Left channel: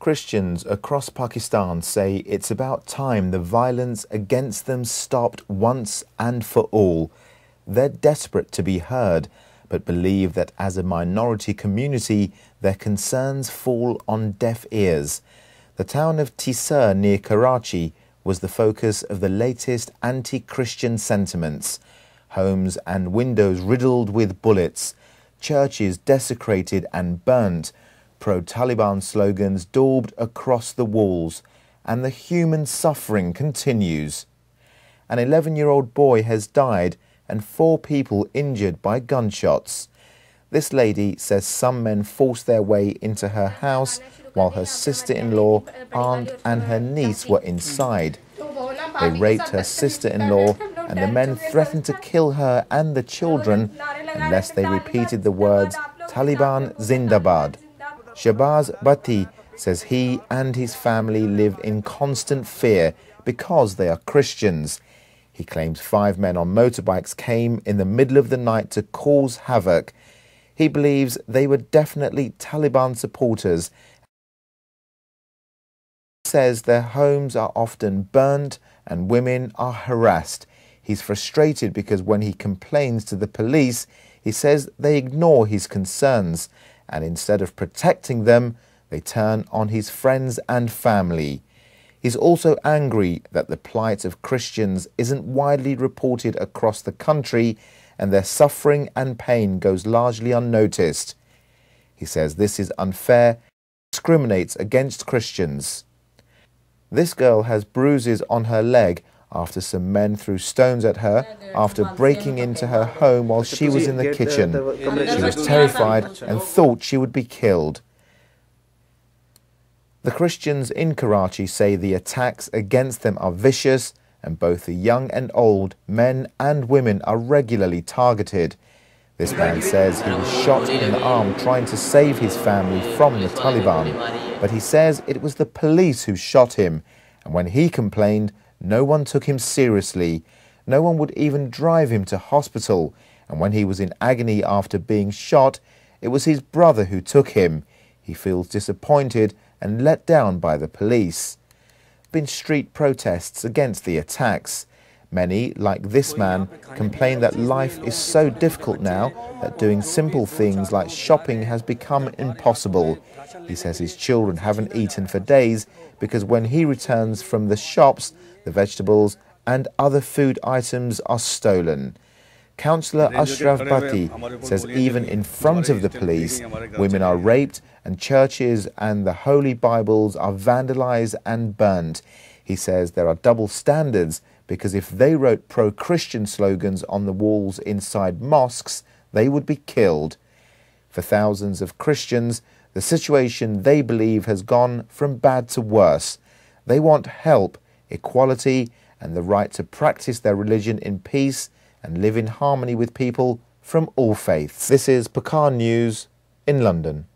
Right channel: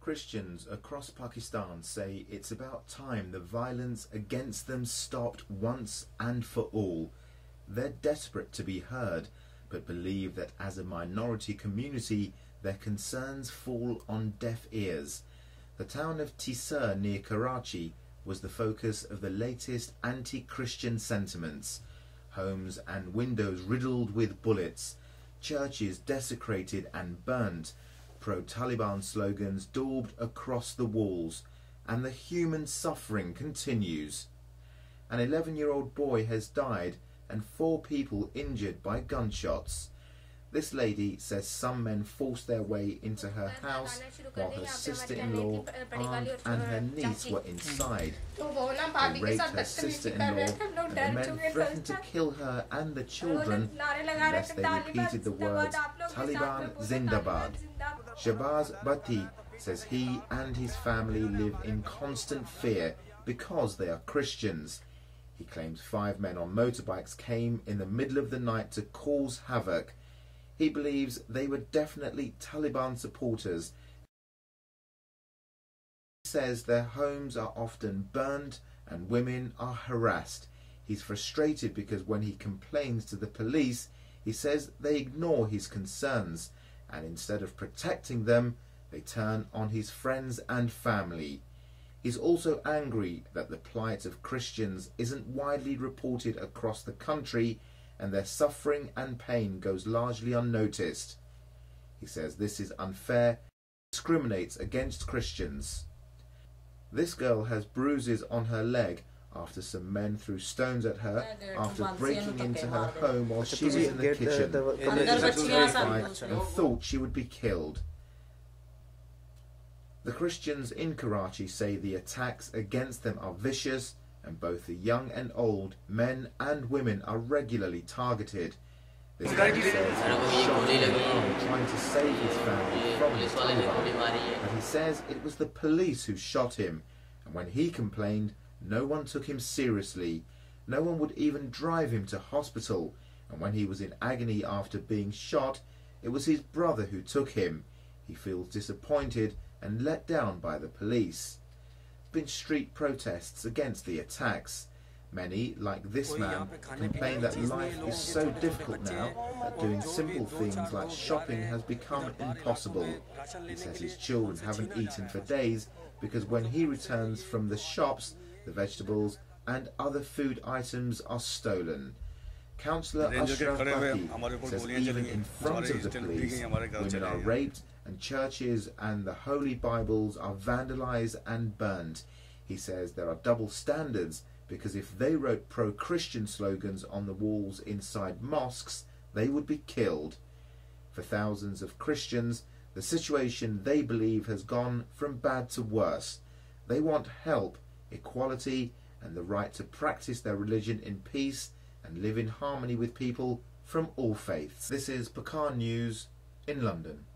Christians across Pakistan say it's about time the violence against them stopped once and for all. They're desperate to be heard, but believe that as a minority community, their concerns fall on deaf ears. The town of Tisar near Karachi was the focus of the latest anti-Christian sentiments. Homes and windows riddled with bullets, churches desecrated and burnt, pro-Taliban slogans daubed across the walls, and the human suffering continues. An 11-year-old boy has died and 4 people injured by gunshots. This lady says some men forced their way into her house while her sister-in-law, aunt and her niece were inside. They raped her sister-in-law and the men threatened to kill her and the children unless they repeated the words "Taliban Zindabad." Shahbaz Bhatti says he and his family live in constant fear because they are Christians. He claims 5 men on motorbikes came in the middle of the night to cause havoc. He believes they were definitely Taliban supporters. He says their homes are often burned and women are harassed. He's frustrated because when he complains to the police, he says they ignore his concerns, and instead of protecting them, they turn on his friends and family. He's also angry that the plight of Christians isn't widely reported across the country and their suffering and pain goes largely unnoticed. He says this is unfair, discriminates against Christians. This girl has bruises on her leg after some men threw stones at her after breaking into her home while she was in the kitchen. She was terrified and thought she would be killed. The Christians in Karachi say the attacks against them are vicious and both the young and old, men and women are regularly targeted. This man says he was shot in the arm trying to save his family from the Taliban, but he says it was the police who shot him, and when he complained, no one took him seriously. No one would even drive him to hospital, and when he was in agony after being shot, it was his brother who took him. He feels disappointed and let down by the police. There have been street protests against the attacks. Many, like this man, complain that life is so difficult now that doing simple things like shopping has become impossible. He says his children haven't eaten for days because when he returns from the shops, the vegetables and other food items are stolen. Councillor Ashraf Bhatti says even in front of the police, women are raped and churches and the holy Bibles are vandalized and burned. He says there are double standards because if they wrote pro-Christian slogans on the walls inside mosques, they would be killed. For thousands of Christians, the situation they believe has gone from bad to worse. They want help, equality and the right to practice their religion in peace and live in harmony with people from all faiths. This is Pukaar News in London.